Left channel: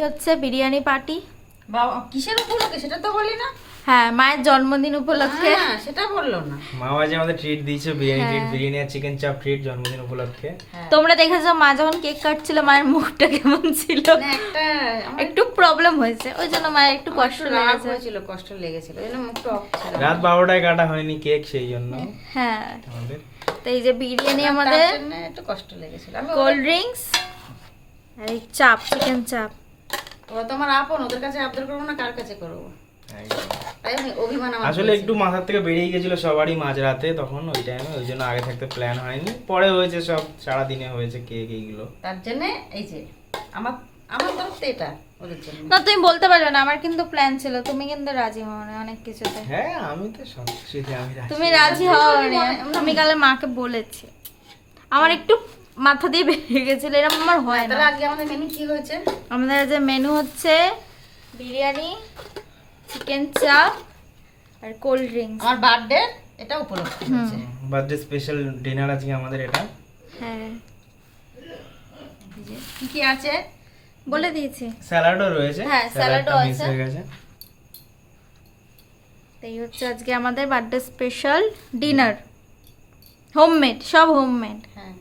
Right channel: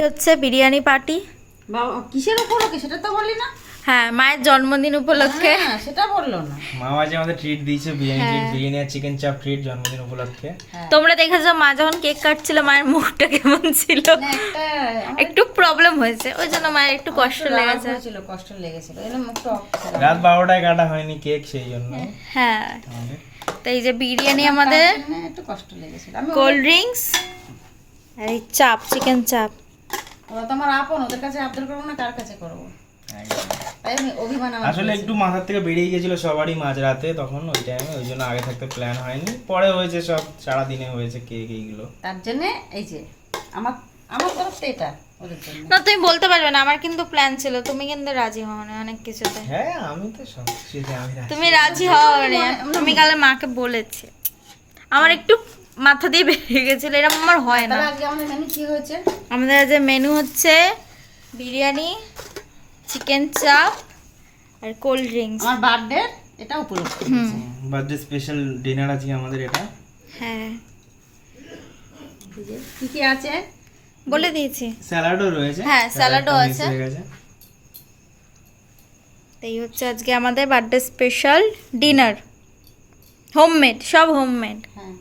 হচ্ছে বিরিয়ানি পার্টি। কিসের উপলক্ষে সেটা তো বললি না। হ্যাঁ, মায়ের জন্মদিন উপলক্ষে। হ্যাঁ, সেটা বললো না। মা আজ আমাদের ট্রিট দিয়েছে, বিরিয়ানি ট্রিট, বিরিয়ানি আর চিকেন চাপ ট্রিট জন্মদিন উপলক্ষে। তোমরা দেখেছো মা যখন কেক কাটছিল মায়ের মুখটা কেমন ছিল, না, একটু প্রবলেম হয়েছে, ওই জন্য মায়ের একটু কষ্ট লেগেছে। কষ্ট লেগেছিল, এই জন্য মুখটা অফ ছিল। রাত 12টায় কাটা হয়নি কেক, সেই জন্য হ্যাঁ, আমাদের তো এই যে বিরিয়ানি আমাদের, তার জন্য একটু কষ্ট লেগেছিল। আমি কোল্ড ড্রিঙ্কস আর এই চাপ, চিকেন চাপ। ওরা তো আমার আপন, ওদের কাছে আবদার করবো না, কার কাছে করবো? তাই আমি অভিমান আমার আসলে একটু মাথার থেকে বেরিয়ে গেছিল সবারই মাঝরাতে, তখন ওই টাইমে, ওই জন্য আগে থাকতে প্ল্যান হয়নি, পরে হয়েছে, সব সারা দিনে হয়েছে কেক এইগুলো। তার জন্য এই যে আমার আমার তরফ থেকে এটা ওদের জন্য। না, তুমি বলতে পারবে না, আমার কিন্তু প্ল্যান ছিল, তুমি কিন্তু রাজি হও না অনেক কিছুতে। হ্যাঁ, আমি তো সব কিছুতে আমি রাজি। তুমি রাজি হও না, আমি কালে মাকে বলেছি, আমার একটু মাথা দিয়ে বেরিয়ে গেছিল, এরকম আমার হয় না। তাহলে আজকে আমাদের মেনু কি হয়েছে? আমাদের যে মেনু হচ্ছে বিরিয়ানি, চিকেন চাপ আর কোল্ড ড্রিঙ্কস। আমার বার্থডে এটা উপলক্ষে হয়েছে। বার্থডে স্পেশাল ডিনার আজকে আমাদের এটা। হ্যাঁ, এই যে কি কি আছে বলে দিয়েছি। স্যালাডও রয়েছে। হ্যাঁ, স্যালাডও স্যালাডটা আছে। মিস হয়ে গেছে। এই হচ্ছে আজকে আমাদের বার্থডে স্পেশাল ডিনার, হোমমেড, সব হোমমেড। হ্যাঁ